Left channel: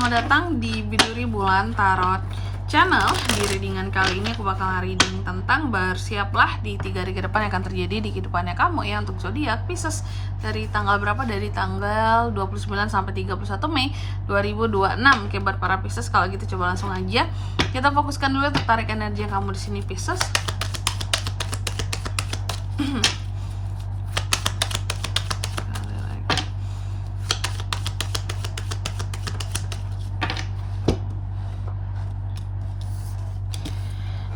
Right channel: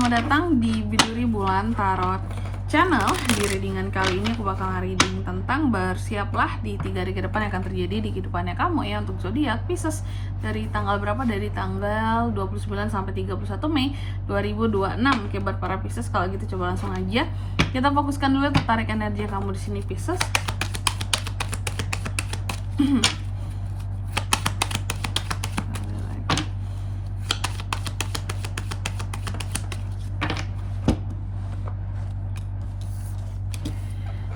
selamat datang di Biduri Bulan Tarot Channel. Di readingan kali ini aku bakal reading tentang bersiaplah di 3 hari ke depan yang akan terjadi di kehidupannya kamu ya, untuk zodiak Pisces. Dari tanggal berapa? Dari tanggal 29 sampai 31 Mei 2026. Oke, buat para Pisces, kalau gitu coba langsung aja kita fokuskan dulu tertarik energi kamu di sini Pisces.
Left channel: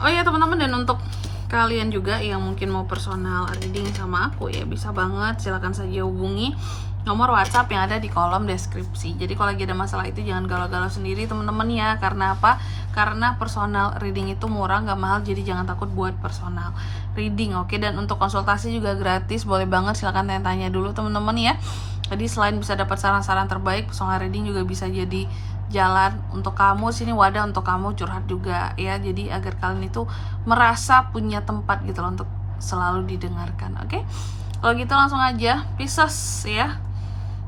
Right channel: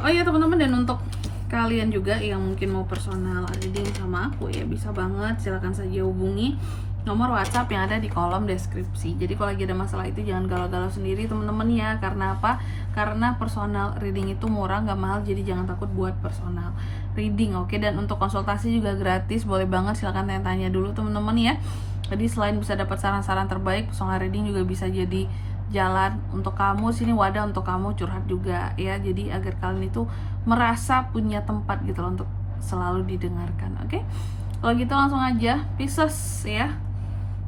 Oh ya teman-teman, dan untuk kalian juga yang mungkin mau personal reading sama aku ya, bisa banget, silahkan saja hubungi nomor WhatsApp yang ada di kolom deskripsi. Jadi kalau lagi ada masalah itu jangan galau-galau sendiri teman-teman ya. Karena apa? Karena personal reading itu murah, nggak mahal, jadi jangan takut buat personal reading, oke? Dan untuk konsultasi juga gratis, boleh banget, silahkan tanya-tanya dulu teman-teman ya. Jadi selain bisa dapat saran-saran terbaik, personal reading juga bisa jadi jalan untuk kamu, sini wadah untuk kamu curhat juga ya. Jadi agar kalian itu merasa punya tempat gitu loh untuk selalu didengarkan, oke? Kalau gitu langsung aja Pisces ya.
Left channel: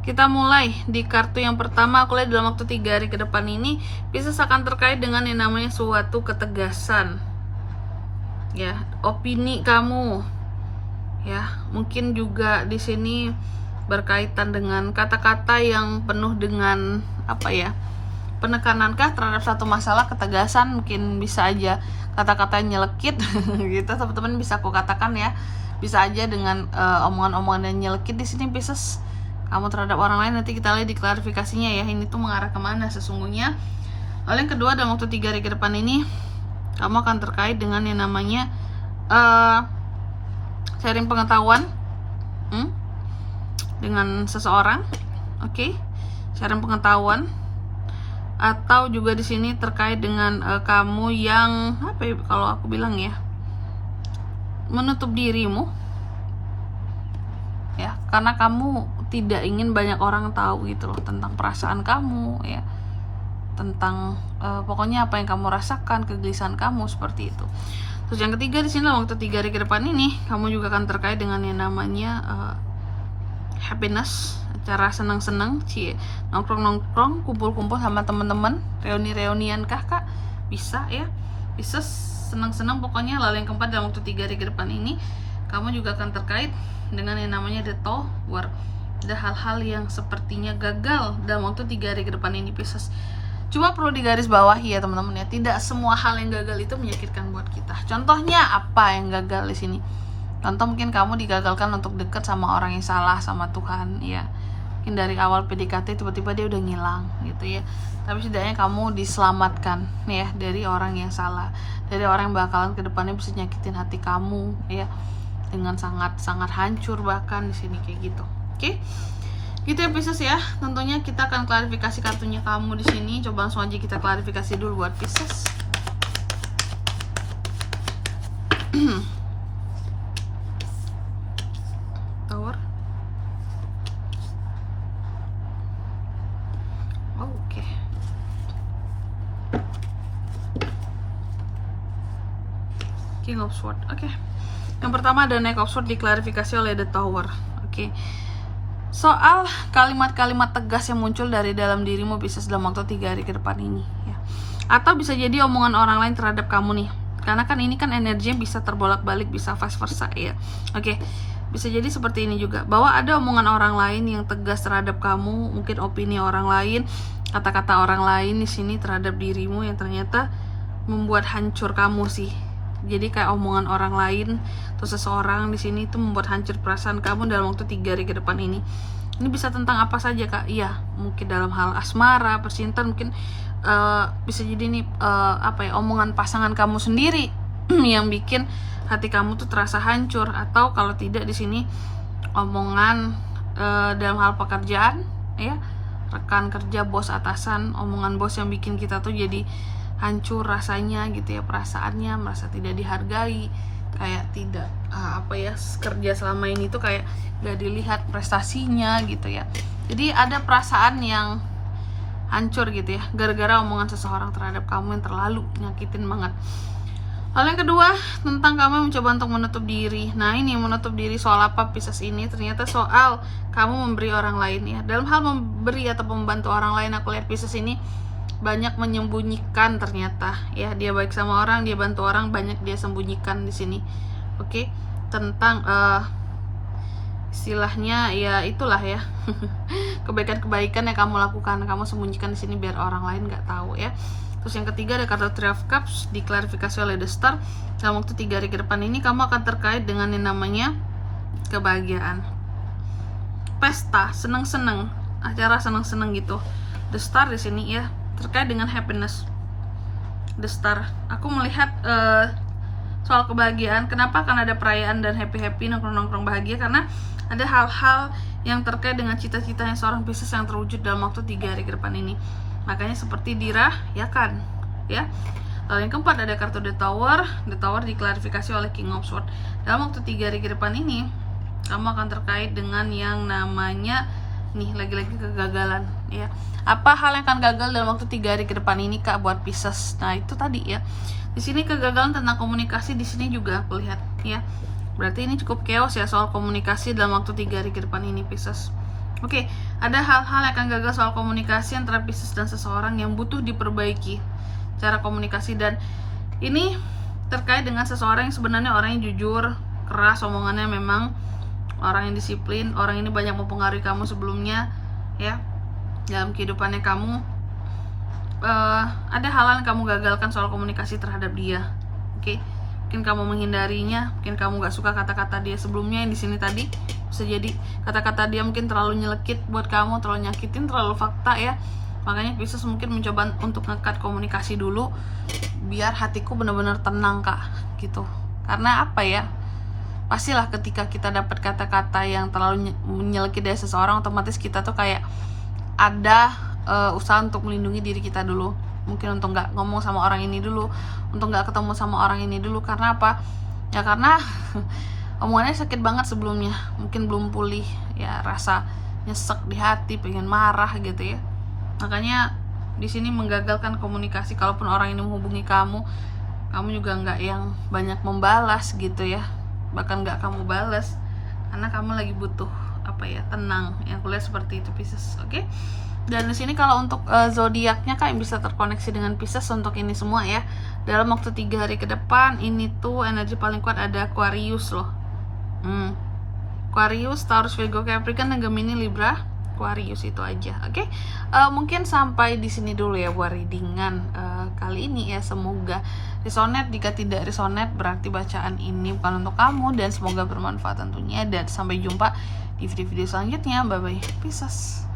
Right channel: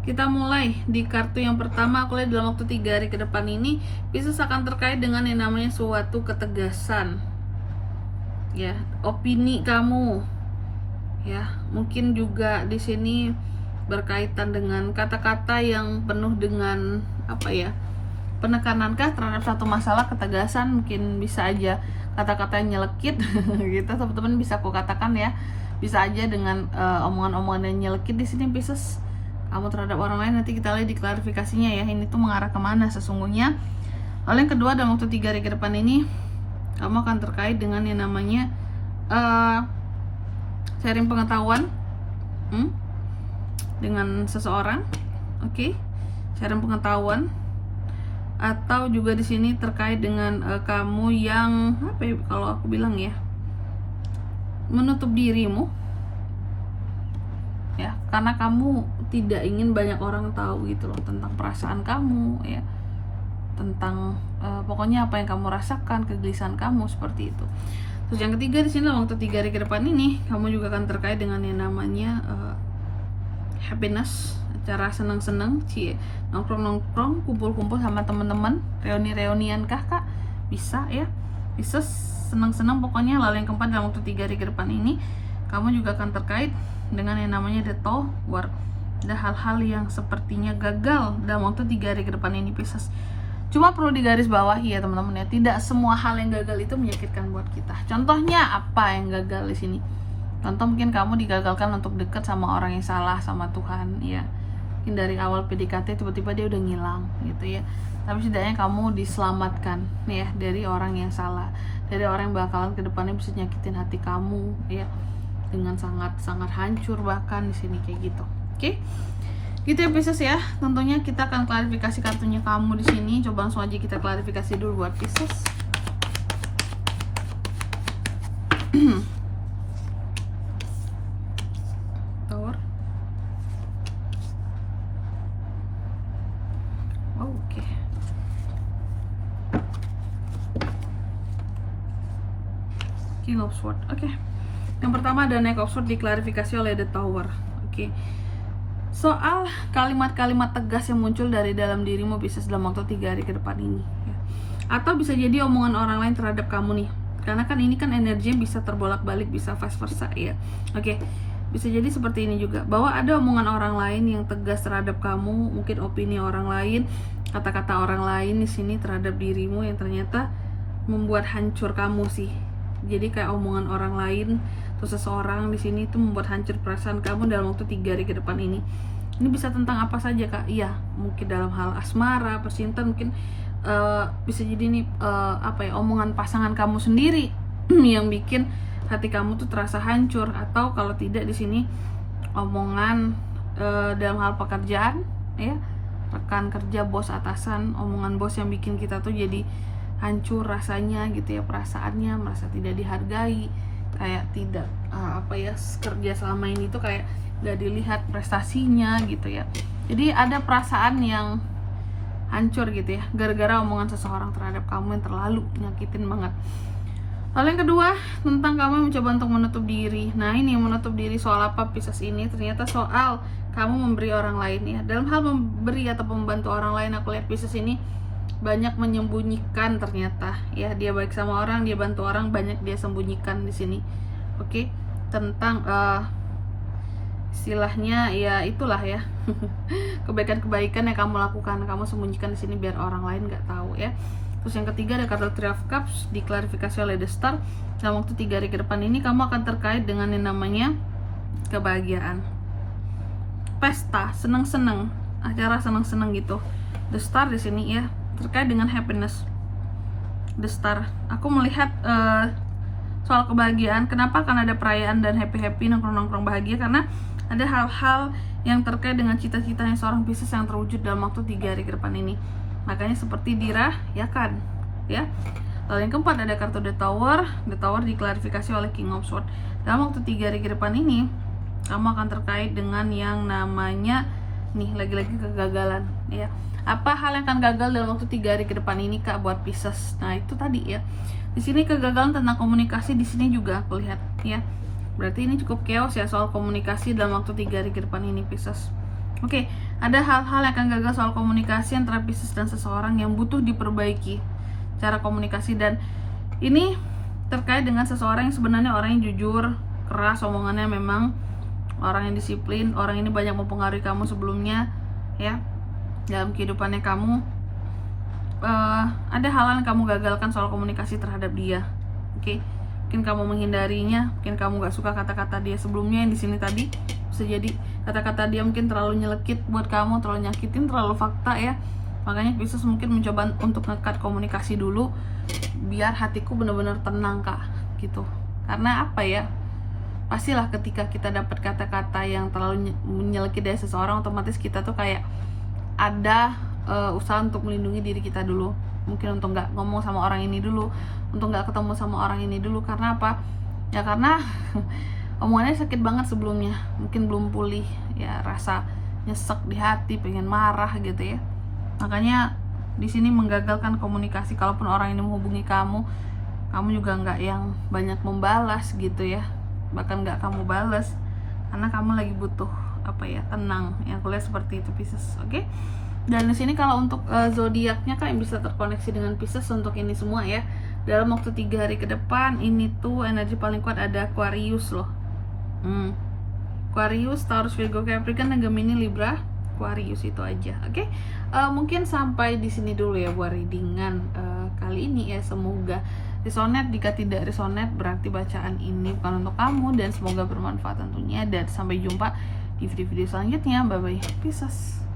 Kita mulai di kartu yang pertama. Aku lihat dalam waktu 3 hari ke depan ini Pisces akan terkait dengan yang namanya suatu ketegasan ya, opini kamu ya. Mungkin juga di sini berkaitan dengan kata-kata yang penuh dengan apa ya, penekanankah terhadap satu masalah, ketegasan, mungkin bisa aja kata-kata yang nyelekit gitu teman-teman, bisa aku katakan ya, bisa aja dengan omongan-omongan yang nyelekit di sini Pisces kamu terhadap orang lain. Nanti kita lihat di klarifikasinya ya, ini tuh mengarah kemana sesungguhnya. Lalu yang kedua, dalam waktu 3 hari ke depan ini kamu akan terkait dengan yang namanya sharing pengetahuan dengan seseorang, oke? Sharing pengetahuan, atau juga di sini terkait dengan kamu yang apa ya, kalau aku bilang ya, menutup dirimu ya, karena kamu tidak ingin banyak orang tahu gitu loh tentang perasaan kamu ya, tentang pokoknya apa yang kamu rasakan, kegelisahan kamu, seperti itu. Terus yang ketiga di sini, waktu 3 hari ke depan ini kamu juga akan terkait dengan yang namanya happiness, acara senang-senang, nongkrong-nongkrong, kumpul-kumpul sama teman-teman, reuni-reunian kah Kak? Bisa ya. Bisa senang-senang pokoknya. Lalu yang keempat, dalam waktu 3 hari ke depan ini kamu juga akan terkait dengan yang namanya the Tower. Ada hal-hal yang sepertinya gagal dalam waktu 3 hari ke depan ini Pisces. Cuma perlu digaris bawahi ya teman-teman ya, tidak semua hal yang gagal itu menyakitkan buat kita. Contohnya apa yang gagal di sini? Contoh mungkin kamu digagalkan untuk deket sama orang yang salah sama Tuhan ya. Mungkin dari awal PDKT tiba-tiba dia udah ngilang gitu ya. Tapi setidaknya kamu diselamatkan ya dari orang yang salah, dari orang yang bakalan kedepannya bisa nyakitin hati kamu ya, dengan sangat-sangat hancur bahkan di sini kayak gitu. Oke? Gitu ya Pisces ya. Tentunya kita akan klarifikasi kartunya kamu di sini. Coba langsung aja kita klarifikasi dulu buat Pisces. Tower. Oke. King of Swords. Oke. Yang pertama ada Knight of Swords, diklarifikasi oleh The Tower. Oke. Soal kalimat-kalimat tegas yang muncul dari dalam dirimu Pisces dalam waktu 3 hari ke depan ini ya. Atau bisa jadi omongan orang lain terhadap kamu nih. Karena kan ini kan energinya bisa terbolak-balik, bisa vice versa ya. Oke. Bisa jadi seperti ini juga, bahwa ada omongan orang lain yang tegas terhadap kamu, mungkin opini orang lain, kata-kata orang lain di sini terhadap dirimu yang ternyata membuat hancur kamu sih. Jadi kayak omongan orang lain atau seseorang di sini itu membuat hancur perasaan kamu dalam waktu 3 hari ke depan ini. Ini bisa tentang apa saja Kak? Iya, mungkin dalam hal asmara, percintaan, mungkin bisa jadi nih apa ya, omongan pasangan kamu sendiri yang bikin hati kamu tuh terasa hancur, atau kalau tidak di sini omongan dalam hal pekerjaan ya, rekan kerja, bos, atasan, omongan bos yang bikin kita tuh jadi hancur rasanya gitu ya, perasaannya, merasa tidak dihargai, kayak tidak apa ya, kerja selama ini tuh kayak gak dilihat prestasinya gitu ya. Jadi ada perasaan yang hancur gitu ya, gara-gara omongan seseorang terhadap kamu yang terlalu nyakitin banget. Hal yang kedua, tentang kamu yang mencoba untuk menutup diri. Nah ini menutup diri soal apa Pisces ini? Ternyata soal kamu memberi orang lain ya. Dalam hal memberi atau membantu orang lain, aku lihat Pisces ini banyak menyembunyikan ternyata ya. Dia baik sama orang, dia bantu orang, banyak dia sembunyikan di sini. Oke, tentang istilahnya ya itulah ya kebaikan-kebaikan yang kamu lakukan, kamu sembunyikan di sini biar orang lain nggak tahu ya. Terus yang ketiga ada kartu Three of Cups, diklarifikasi oleh The Star. Dalam waktu 3 hari ke depan ini kamu akan terkait dengan yang namanya kebahagiaan, pesta, seneng-seneng, acara seneng-seneng gitu. The Star di sini ya, terkait dengan happiness. The Star, aku melihat soal kebahagiaan. Kenapa? Karena ada perayaan dan happy-happy, nongkrong-nongkrong bahagia, karena ada hal-hal yang terkait dengan cita-citanya seorang Pisces yang terwujud dalam waktu 3 hari ke depan ini. Makanya seperti dirahyakan ya. Lalu yang keempat ada kartu The Tower. The Tower diklarifikasi oleh King of Swords. Dalam waktu 3 hari ke depan ini kamu akan terkait dengan yang namanya nih, lagi-lagi kegagalan ya. Apa hal yang akan gagal dalam waktu 3 hari ke depan ini Kak buat Pisces? Nah, itu tadi ya. Di sini kegagalan tentang komunikasi di sini juga aku lihat ya. Berarti ini cukup chaos ya soal komunikasi dalam waktu 3 hari ke depan ini Pisces. Oke, ada hal-hal yang akan gagal soal komunikasi antara Pisces dan seseorang yang butuh diperbaiki cara komunikasi, dan ini terkait dengan seseorang yang sebenarnya orang yang jujur, keras omongannya, memang orang yang disiplin. Orang ini banyak mempengaruhi kamu sebelumnya ya dalam kehidupannya kamu. Ada hal-hal yang kamu gagalkan soal komunikasi terhadap dia. Oke, mungkin kamu menghindarinya, mungkin kamu gak suka kata-kata dia sebelumnya yang di sini tadi. Bisa jadi kata-kata dia mungkin terlalu nyelekit buat kamu, terlalu nyakitin, terlalu fakta ya. Makanya Pisces mungkin mencoba untuk ngekat komunikasi dulu biar hatiku benar-benar tenang Kak gitu. Karena apa ya, pastilah ketika kita dapat kata-kata yang terlalu menyelekit dari seseorang, otomatis kita tuh kayak ada usaha untuk melindungi diri kita dulu. Mungkin untuk nggak ngomong sama orang ini dulu, untuk nggak ketemu sama orang ini dulu. Karena apa? Ya karena omongannya sakit banget sebelumnya, mungkin belum pulih ya, rasa nyesek di hati, pengen marah gitu ya. Makanya di sini menggagalkan komunikasi. Kalaupun orang ini menghubungi kamu juga nggak yang banyak membalas gitu ya, bahkan nggak kamu balas karena kamu lagi butuh apa ya, tenang. Yang aku lihat seperti itu Pisces. Oke. Dan di sini kalau untuk zodiaknya Kak yang bisa terkoneksi dengan Pisces untuk ini semua ya. Dalam waktu 3 hari ke depan ini tuh energi paling kuat ada Aquarius loh. Aquarius, Taurus, Virgo, Capricorn, Gemini, Libra, Aquarius itu aja. Oke. Mungkin sampai di sini dulu ya buat readingan kali ini ya. Semoga resonate. Jika tidak resonate berarti bacaan ini bukan untuk kamu, dan semoga bermanfaat tentunya. Dan sampai jumpa di video-video selanjutnya. Bye bye Pisces.